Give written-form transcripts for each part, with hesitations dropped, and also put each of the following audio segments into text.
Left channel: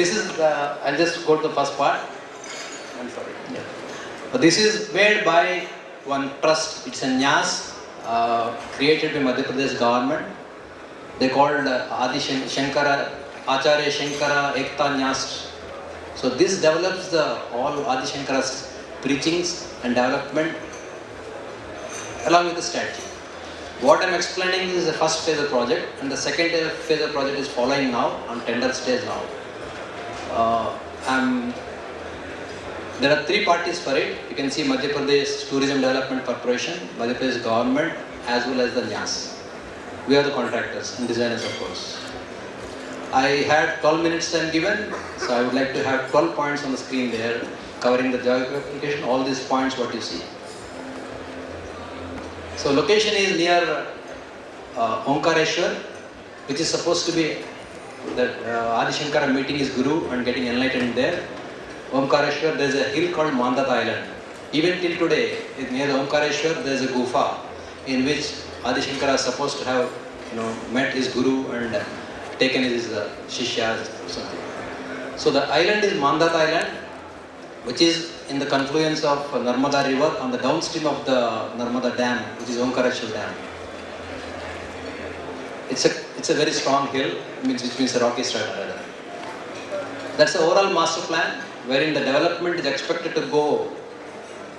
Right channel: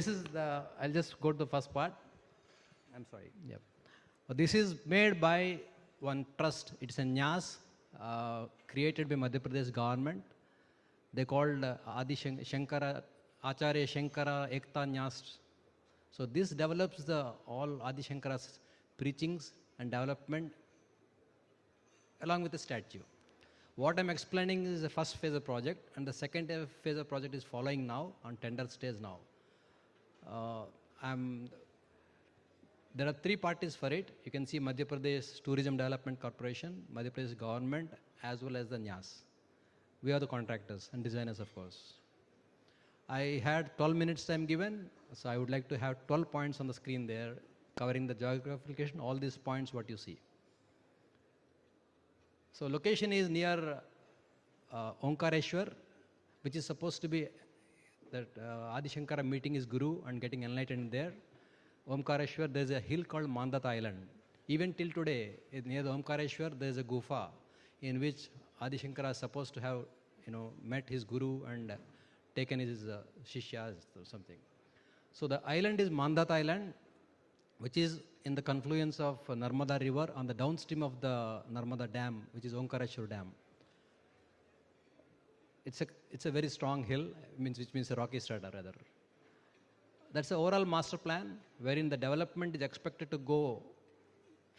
this is I'll just go to the first part. I'm sorry. Yeah. But this is made by one trust. It's a NYAS created by Madhya Pradesh government. They called Adi Shankara, Acharya Shankara Ekta NYAS. So this develops all Adi Shankara's preachings and development along with the strategy. What I am explaining is the first phase of the project, and the second phase of the project is following now on tender stage now. There are three parties for it. You can see Madhya Pradesh Tourism Development Corporation, Madhya Pradesh government, as well as the NYAS. We are the contractors and designers, of course. I had 12 minutes time given, so I would like to have 12 points on the screen there, covering the geographic application, all these points what you see. So location is near Omkareshwar, which is supposed to be that Adi Shankara meeting his guru and getting enlightened there. Omkareshwar, there is a hill called Mandat Island. Even till today, near Omkareshwar, there is a gufa in which Adi Shankara is supposed to have met his guru and taken his shishyas or something. So the island is Mandat Island, which is in the confluence of Narmada river on the downstream of the Narmada dam, which is Omkareshwar dam. It's a very strong hill, which means a rocky strata. That's the overall master plan, wherein the development is expected to go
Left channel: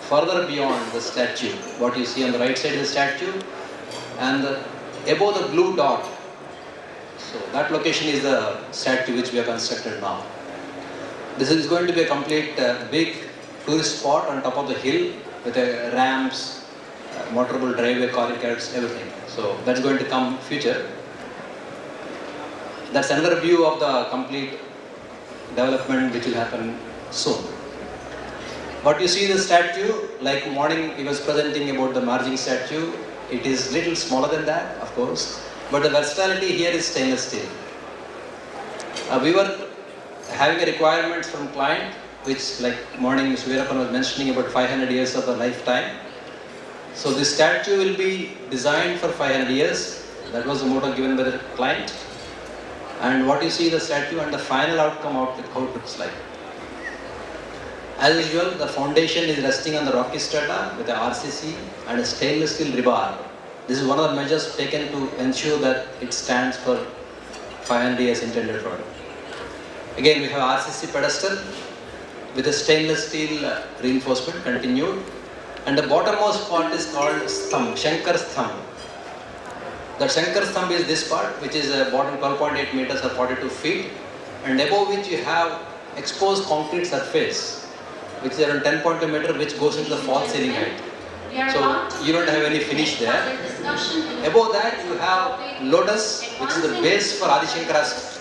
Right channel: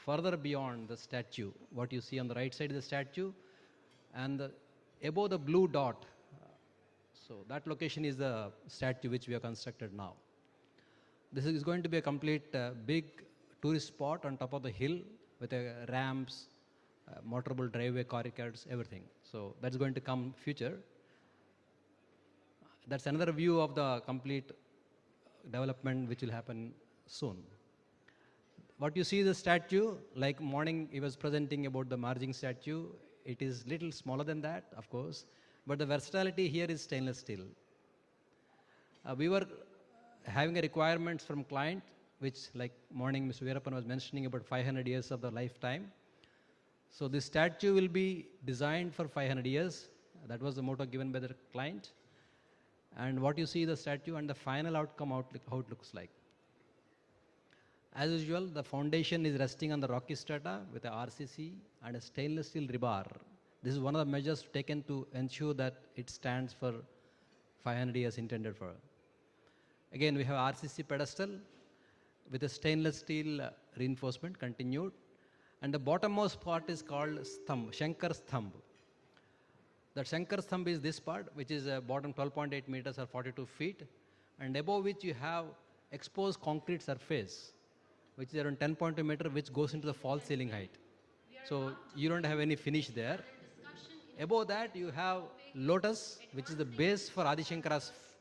further beyond the statue. What you see on the right side of the statue, and above the blue dot. So that location is the statue which we have constructed now. This is going to be a complete big tourist spot on top of the hill with ramps, motorable driveway corridors, everything. So that's going to come future. That's another view of the complete development which will happen soon. What you see the statue, like morning he was presenting about the margin statue, it is little smaller than that, of course, but the versatility here is stainless steel. We were having a requirement from client, which like morning Mr. Veerappan was mentioning about 500 years of a lifetime. So this statue will be designed for 500 years. That was the motto given by the client. And what you see the statue and the final outcome how it looks like. As usual, the foundation is resting on the rocky strata with a RCC and a stainless steel rebar. This is one of the measures taken to ensure that it stands for 500 years intended product. Again, we have RCC pedestal with a stainless steel reinforcement continued, and the bottommost part is called stham, Shankar's thumb. The Shankar's thumb is this part, which is a bottom 12.8 meters or 42 feet, and above which you have exposed concrete surface, which is around 10.2 meter, which goes into the false ceiling height. So you don't have any finish there. Above that you have lotus, which is the base for Adi Shankara's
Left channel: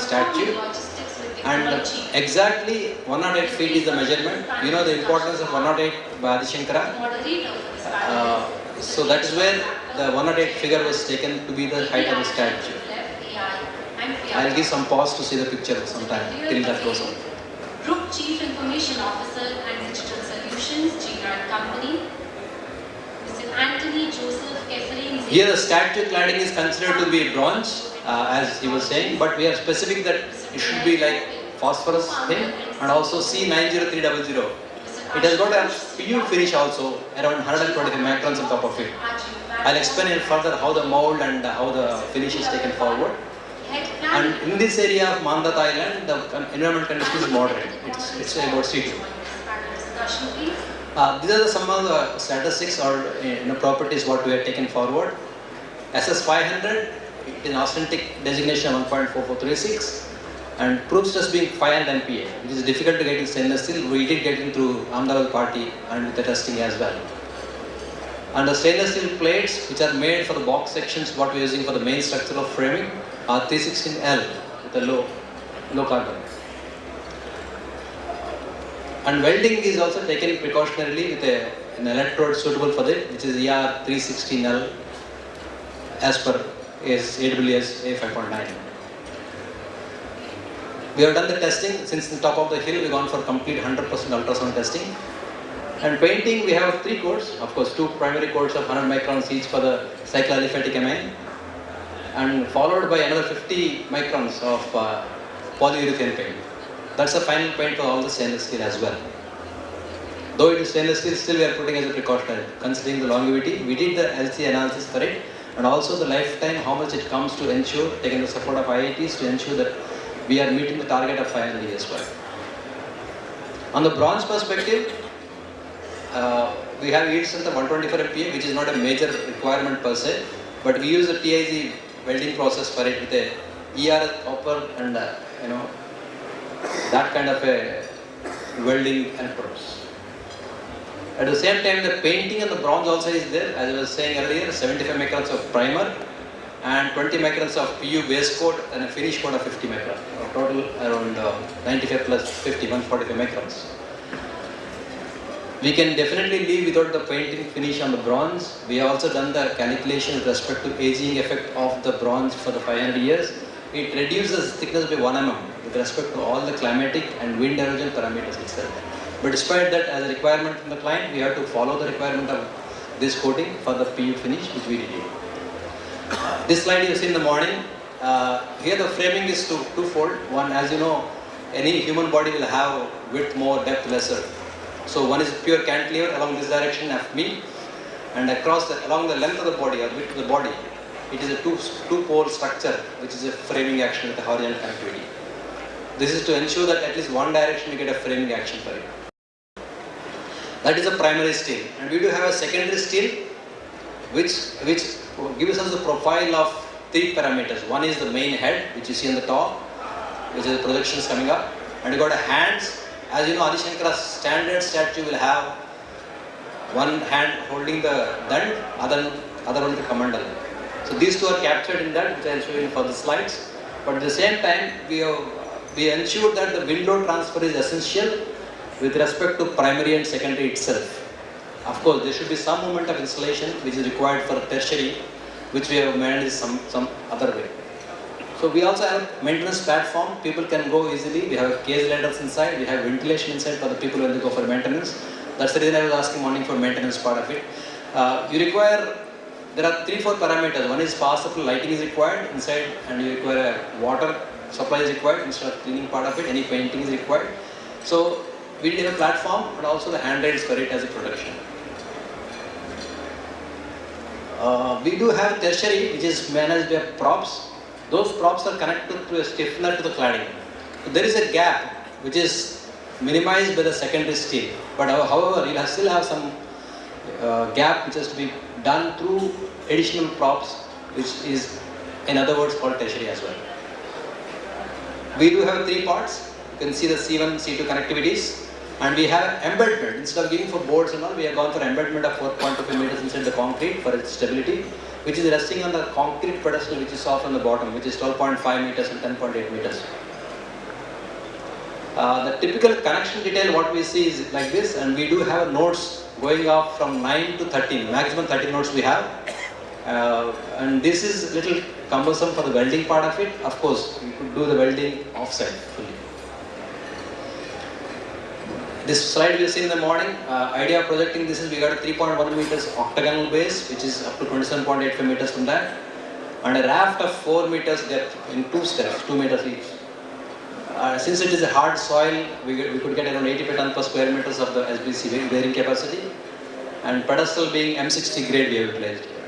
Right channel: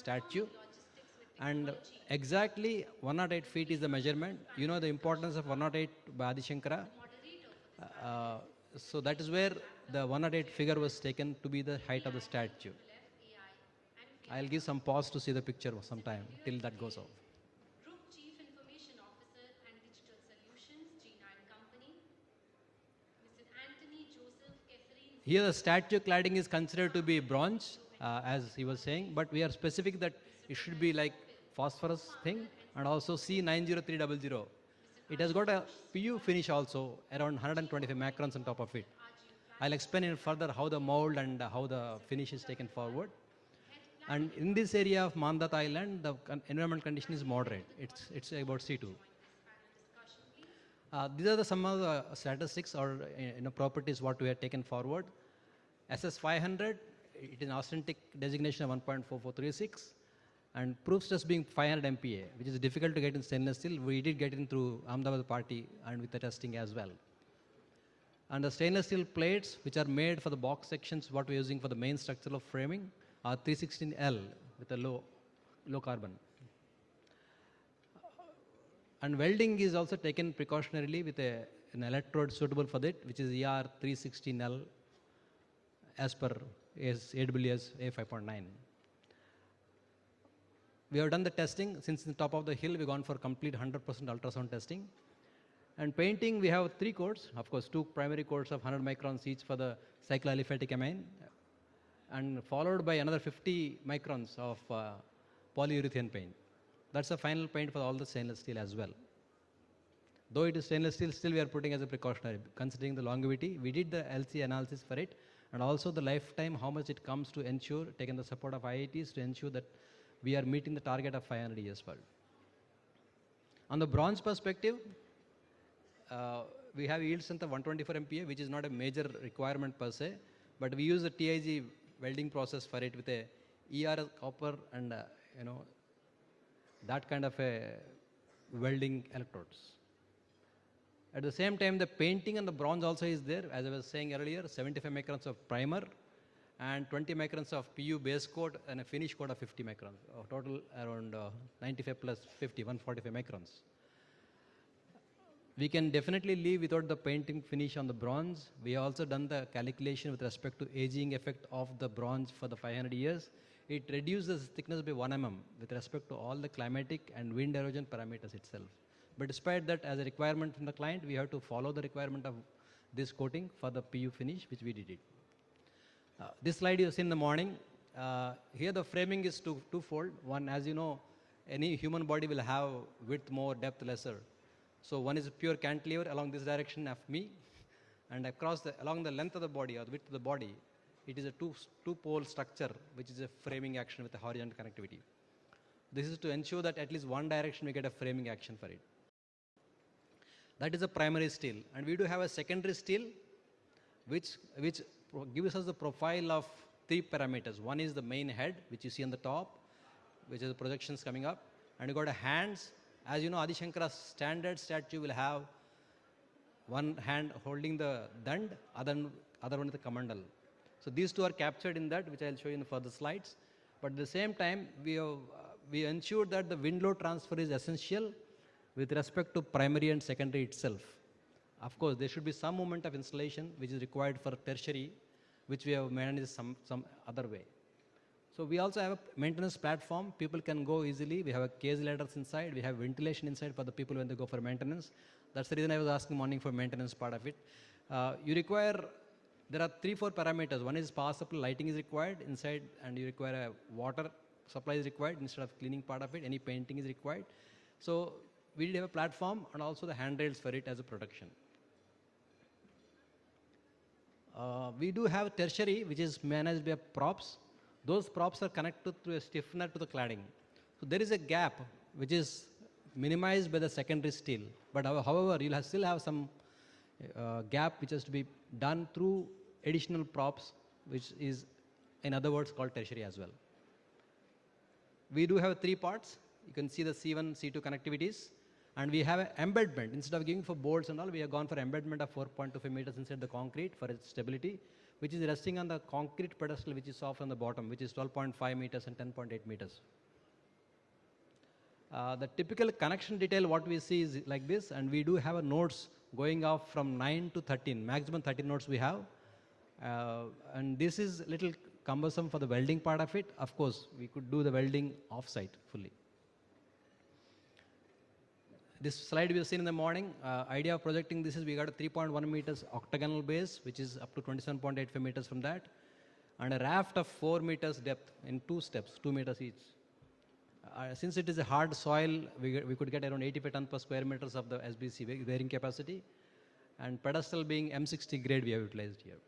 statue. And exactly 108 feet is the measurement. You know the importance of 108 by Adi Shankara. So that is where the 108 figure was taken to be the height of the statue. I'll give some pause to see the picture sometime till that goes on. Group Chief Information Officer and Digital Solutions, G-Grant Company, Mr. Anthony Joseph Kefferin. Here the statue cladding is considered to be bronze, as he was saying, but we are specific that it should be like phosphorus here and also C90300. It has got a PU finish also, around 120 microns on top of it. I'll explain it further how the mold and how the finish is taken forward. And in this area of Mandat Island, the environment condition is moderate. It's about C2. These are some of the statistics or properties what we have taken forward. SS500, it is an authentic designation of 1.4436 and proof stress being 500 MPa, which is difficult to get in stainless steel. We did get into Ahmedabad party and with the testing as well. And the stainless steel plates which are made for the box sections what we are using for the main structure of framing are 316L with the low carbon. And welding is also taken precautionarily with an electrode suitable for it, which is ER316L as per AWS A5.9. We have done the testing. Since the top of the hill we have gone for complete 100% ultrasound testing. And painting we have 3 coats, of course 2 primary coats of 100 microns each for the cycloaliphatic amine, and followed by another 50 microns of polyurethane paint. That's the final paint for all the stainless steel as well. Though it is stainless steel, still we are putting as a precaution, considering the longevity. We did the LC analysis for it, and also the lifetime, how much it comes to ensure, taking the support of IITs to ensure that we are meeting the target of 500 years as well. On the bronze perspective, we have yield strength of 124 MPa, which is not a major requirement per se, but we use the TIG welding process for it with a ERS copper and that kind of a welding electrodes. At the same time, the painting and the bronze also is there. As I was saying earlier, 75 microns of primer and 20 microns of PU base coat and a finish coat of 50 microns. Total around 95 plus 50, 145 microns. We can definitely live without the painting finish on the bronze. We have also done the calculation with respect to aging effect of the bronze for the 500 years. It reduces thickness by 1 mm with respect to all the climatic and wind erosion parameters itself. But despite that, as a requirement from the client, we have to follow the requirement of this coating for the PU finish, which we did. This slide you see in the morning. Here the framing is twofold. One, as you know, any human body will have width more, depth lesser. So one is pure cantilever along this direction FB, and along the length of the body or width of the body, it is a two-pole structure, which is a framing action with a horizontal connectivity. This is to ensure that at least one direction we get a framing action for it. That is a primary steel, and we do have a secondary steel, which gives us the profile of 3 parameters. One is the main head, which you see on the top, which is the projections coming up, and you got a hands. As you know, Adi Shankara's standard statue will have one hand holding the dand, other one the kamandal. So these two are captured in that, which I will show you for the slides. But at the same time, we ensure that the wind load transfer is essential with respect to primary and secondary itself. Of course, there should be some movement of insulation which is required for tertiary, which we have managed some other way. So we also have maintenance platform. People can go easily. We have cage ladders inside. We have ventilation inside for the people when they go for maintenance. That's the reason I was asking morning for maintenance part of it. There are 3-4 parameters. One is possible lighting is required inside, and you require a water supply is required instead of cleaning part of it. Any painting is required. So we did a platform, but also the handrails for it as a protection. We do have tertiary, which is managed by props. Those props are connected to a stiffener to the cladding. There is a gap which is minimized by the secondary steel, but however, you still have some gap which has to be done through additional props, which is in other words called tertiary as well. We do have 3 parts. You can see the C1, C2 connectivities, and we have embedment. Instead of going for boards and all, we have gone for embedment of 4.25 meters inside the concrete for its stability, which is resting on the concrete pedestal which is off on the bottom, which is 12.5 meters and 10.8 meters. The typical connection detail what we see is like this, and we do have nodes going off from 9 to 13, maximum 13 nodes we have. And this is little cumbersome for the welding part of it. Of course, you could do the welding offsite fully. This slide we see in the morning, idea of projecting this is we got a 3.1 meters octagonal base, which is up to 27.85 meters from that, and a raft of 4 meters depth in 2 steps, 2 meters each. Since it is a hard soil, we could get around 85 tons per square meters of the SBC bearing capacity, and pedestal being M60 grade we have utilized here.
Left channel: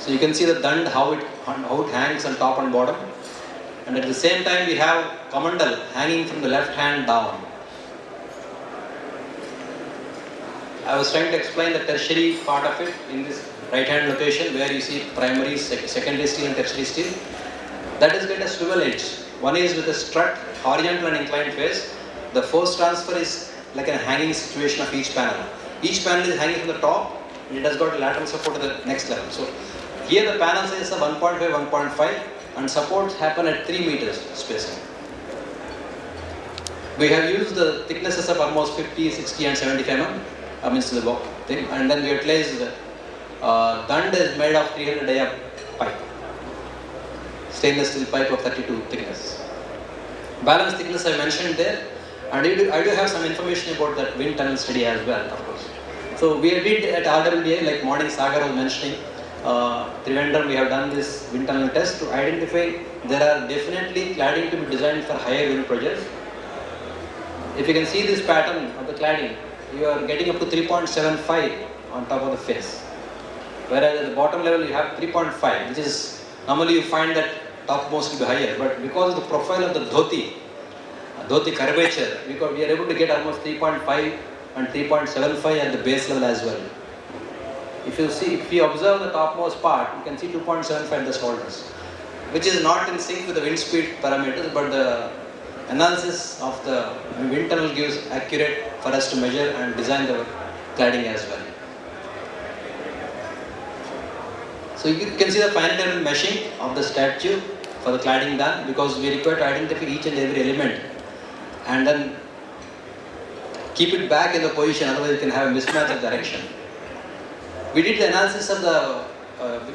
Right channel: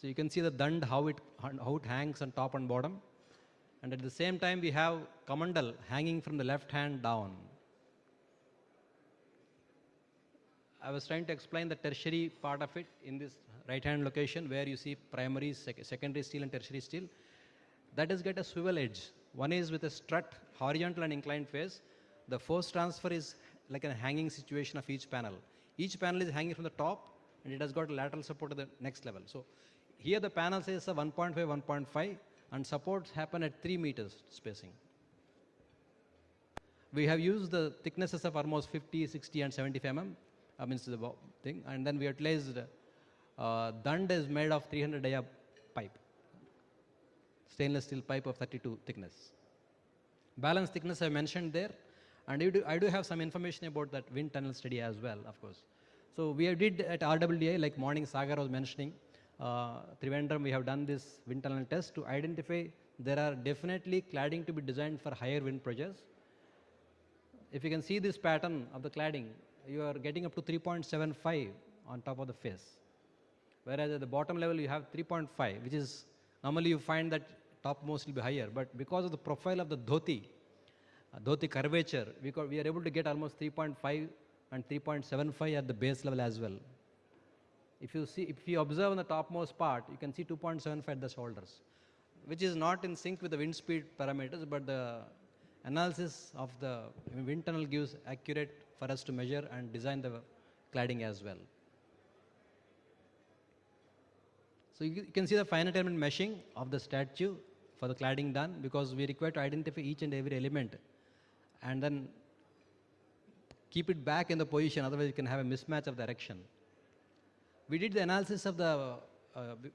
So you can see the dand, how it hangs on top and bottom. And at the same time, we have kamandal hanging from the left hand down. I was trying to explain the tertiary part of it in this right hand location where you see primary, secondary steel and tertiary steel. That is get a swivel edge. One is with a strut, horizontal and inclined face. The force transfer is like a hanging situation of each panel. Each panel is hanging from the top, and it has got lateral support to the next level. So here the panel size is 1.5, 1.5. And supports happen at 3 meters spacing. We have used the thicknesses of almost 50, 60 and 75 mm amidst the thing, and then we utilized dand is made of 300 dia pipe, stainless steel pipe of 32 thickness. Balance thickness I mentioned there, and I do have some information about that wind tunnel study as well, of course. So we did at RWA, like morning Sagar was mentioning, Trivandrum, we have done this wind tunnel test to identify there are definitely cladding to be designed for higher wind projects. If you can see this pattern of the cladding, you are getting up to 3.75 on top of the face. Whereas at the bottom level you have 3.5, which is normally you find that topmost will be higher. But because of the profile of the dhoti curvature, because we are able to get almost 3.5 and 3.75 at the base level as well. If you observe the topmost part, you can see 2.75 at the shoulders, which is not in sync with the wind speed parameters, but the analysis of the wind tunnel gives accurate for us to measure and design the cladding as well. So you can see the final level meshing of the statue for the cladding done, because we require to identify each and every element and then keep it back in the position, otherwise you can have a mismatch of direction. We did the analysis of the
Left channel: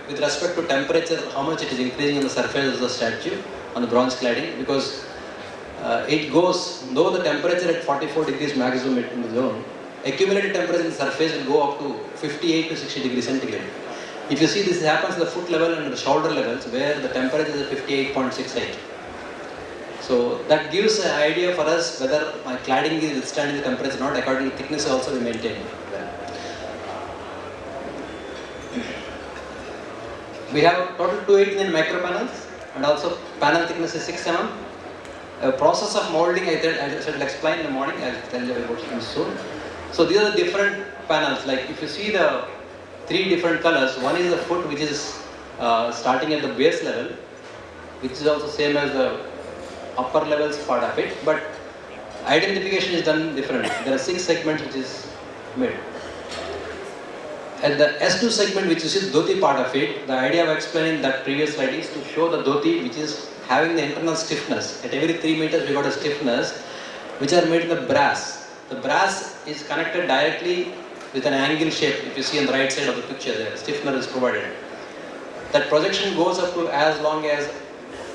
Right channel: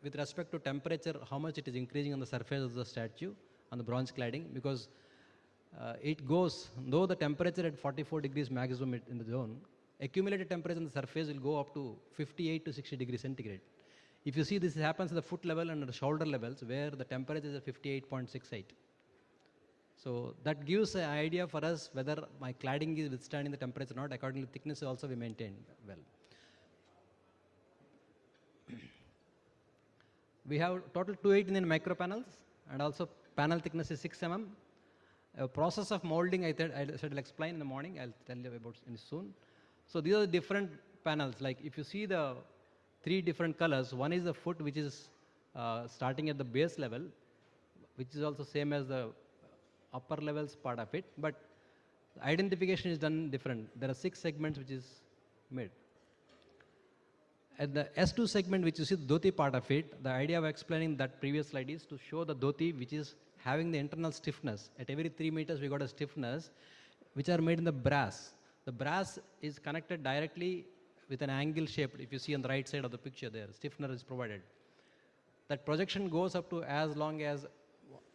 with respect to temperature, how much it is increasing on the surface of the statue on the bronze cladding, because it goes low the temperature at 44 degrees maximum in the zone. Accumulated temperature in the surface will go up to 58 to 60 degrees centigrade. If you see, this happens at the foot level and the shoulder levels where the temperature is at 58.68. So that gives an idea for us whether my cladding is withstanding the temperature or not. According to thickness also we maintain. We have total 289 micro panels and also panel thickness is 6 mm. Process of molding I shall explain in the morning. I will tell you about it soon. So these are the different panels. Like if you see the 3 different colors, one is the foot, which is starting at the base level, which is also same as the upper levels part of it, but identification is done differently. There are 6 segments which is made. At the S2 segment, which is the dhoti part of it, the idea of explaining that previous slide is to show the dhoti which is having the internal stiffness. At every 3 meters we got a stiffness which are made in the brass. The brass is connected directly with an angle shape. If you see on the right side of the picture there, stiffener is provided. That projection goes up to as long as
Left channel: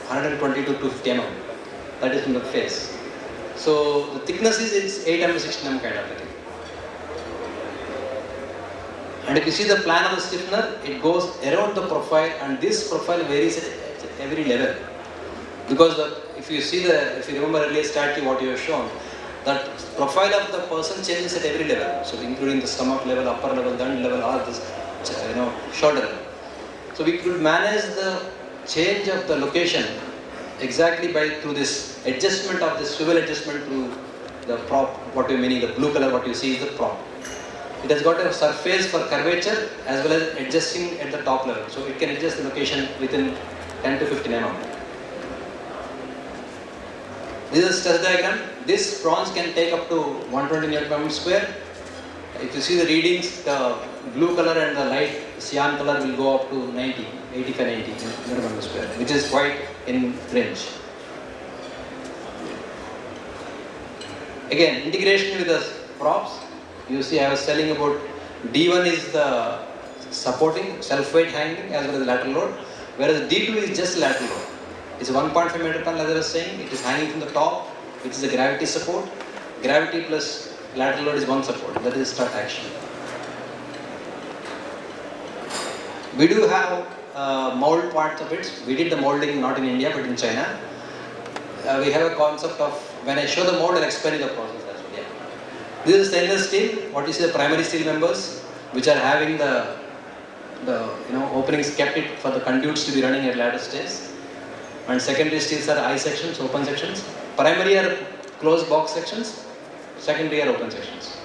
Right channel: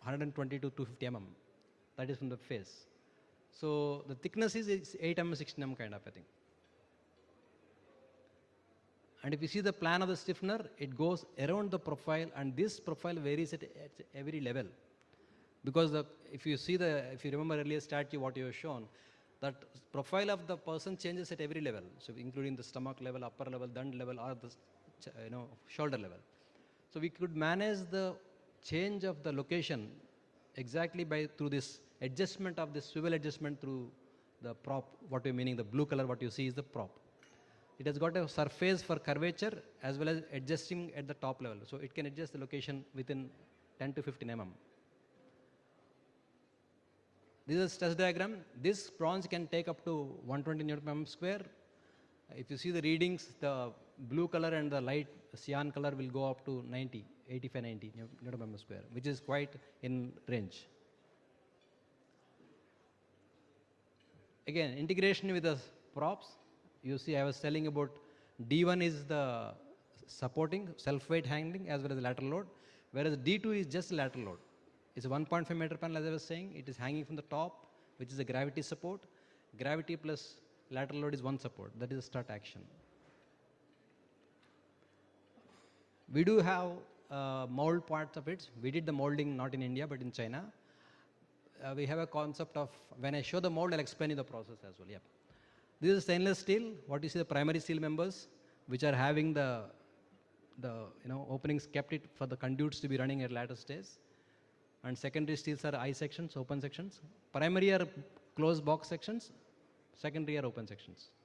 120 to 250 mm. That is in the face. So the thickness is it's 8 mm to 16 mm kind of a thing. And if you see the plan of the stiffener, it goes around the profile, and this profile varies at every level. Because if you remember earlier statue what you have shown, that profile of the person changes at every level. So including the stomach level, upper level, dund level, or this shoulder level. So we could manage the change of the location exactly through this adjustment of the swivel adjustment to the prop. What you meaning, the blue color what you see is the prop. It has got a surface for curvature as well as adjusting at the top level. So it can adjust the location within 10 to 15 mm. This is a stress diagram. This bronze can take up to 120 Nm square. If you see the readings, the blue color and the light cyan color will go up to 85, 90 Nm square, which is quite in range. Again, integration with the props. You see, I was telling about D1 is the supporting self-weight hanging as well as lateral load, whereas D2 is just lateral load. It's 1.5 meter ton, as I was saying. It is hanging from the top, which is a gravity support. Gravity plus lateral load is one support. That is strut action. We do have mold parts of it. We did the molding not in India but in China. We have a concept of, when I show the mold, I'll explain the process as well. Yeah. This is stainless steel. What is the primary steel members, which are having the openings kept it for the conduits to be running at latter stage. And secondary steels are I sections, open sections. Primary are closed box sections. Secondary are open sections.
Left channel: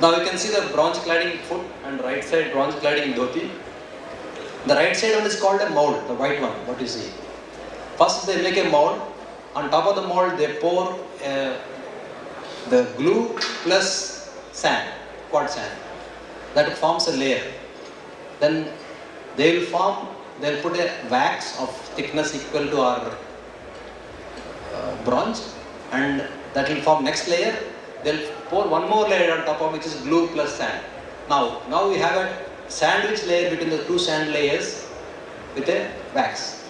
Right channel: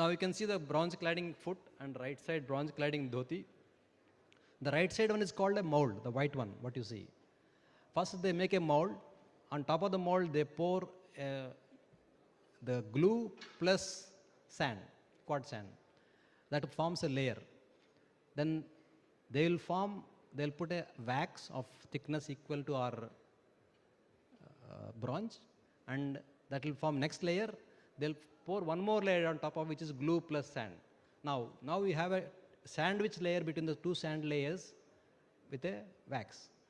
Now you can see the bronze cladding foot and right side bronze cladding dhoti. The right side one is called a mold, the white one, what you see. First they make a mold. On top of the mold they pour the glue plus sand, quartz sand. That forms a layer. Then they'll put a wax of thickness equal to our bronze, and that will form next layer. They'll pour one more layer on top of which is glue plus sand. Now we have a sandwich layer between the two sand layers with a wax.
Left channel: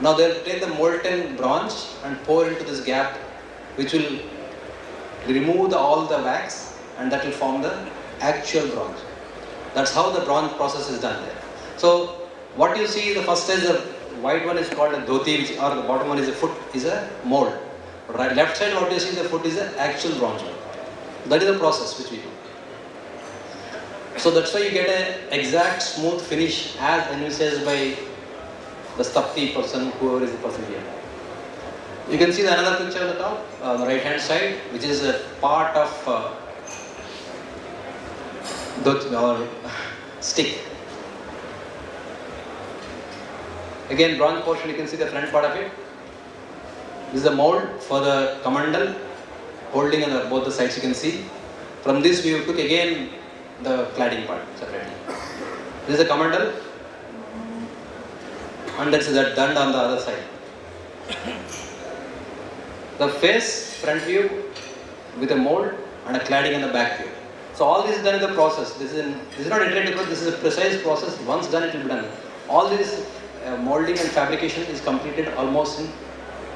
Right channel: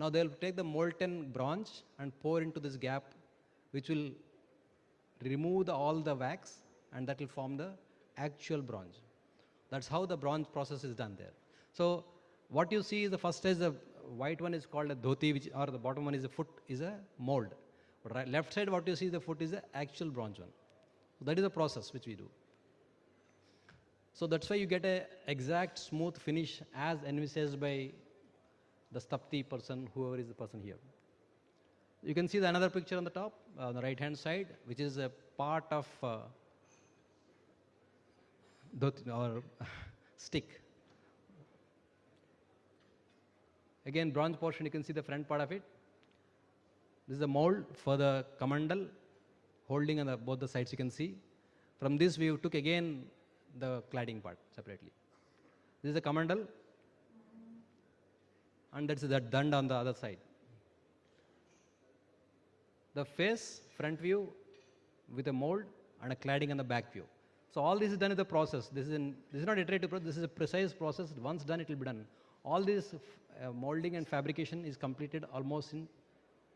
Now they'll take the molten bronze and pour into this gap, which will remove all the wax, and that will form the actual bronze. That's how the bronze process is done there. So what you see, the first is the white one is called a dhoti, which, or the bottom one is a foot, is a mold. Right, left side what you see, the foot is the actual bronze one. That is the process which we do. So that's why you get an exact smooth finish as envisaged by the Stapti person, whoever is the person here. You can see the another picture at the top, on the right hand side, which is a part of or stick. Again, bronze portion, you can see the front part of it. This is the mold for the kamandal, holding on both the sides you can see. From this we took again the cladding part separately. This is the kamandal, and that's that dand on the other side. The face, front view with a mold and a cladding in the back view. So all this is done in the process. This is not iterative, this is a precise process. Once done, it will be done. All this molding and fabrication is completed almost in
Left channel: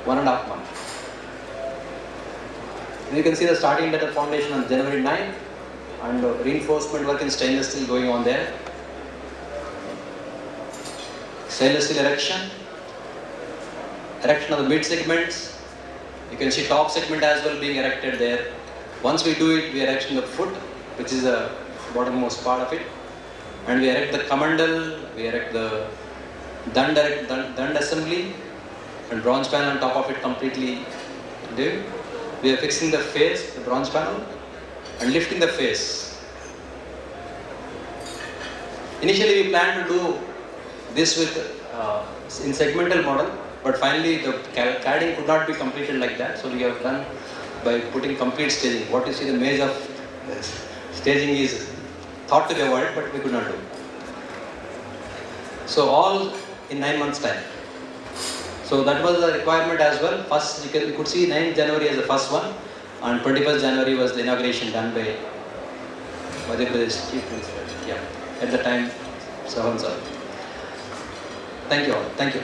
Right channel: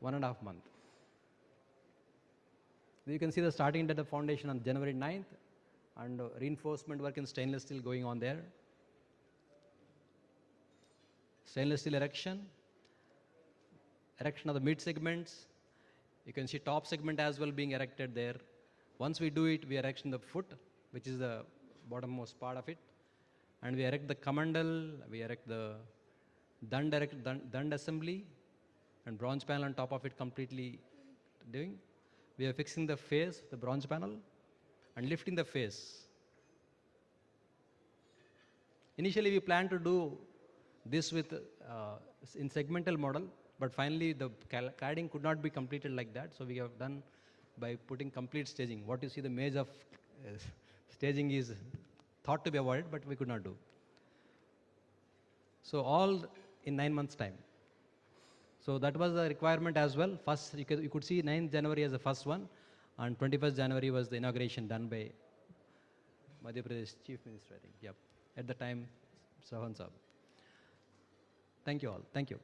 1.5 months. You can see the starting letter foundation on January 9, and reinforcement work in stainless steel going on there. Stainless steel erection of the mid segments. You can see top segment as well being erected there. Once we do it, we erect the foot, which is the bottommost part of it, and we erect the kamandal, we erect the dand assembly, and bronze panel on top of it completely did. We are fixing the face, the bronze panel, and lifting the face. Initially we planned to do this with in segmental model, but finally the cladding could not be completed like that, so we have done by putting complete staging. What you see, the maze of staging is thought to be avoided, but we could not do. So all in 9 months time. So that was the requirement as well. First, you could see 9th January as the first one, and 21st January was the inauguration done by Madhya Pradesh Chief Minister. Yeah, at the time, Savan sir. Thank you all. Thank you.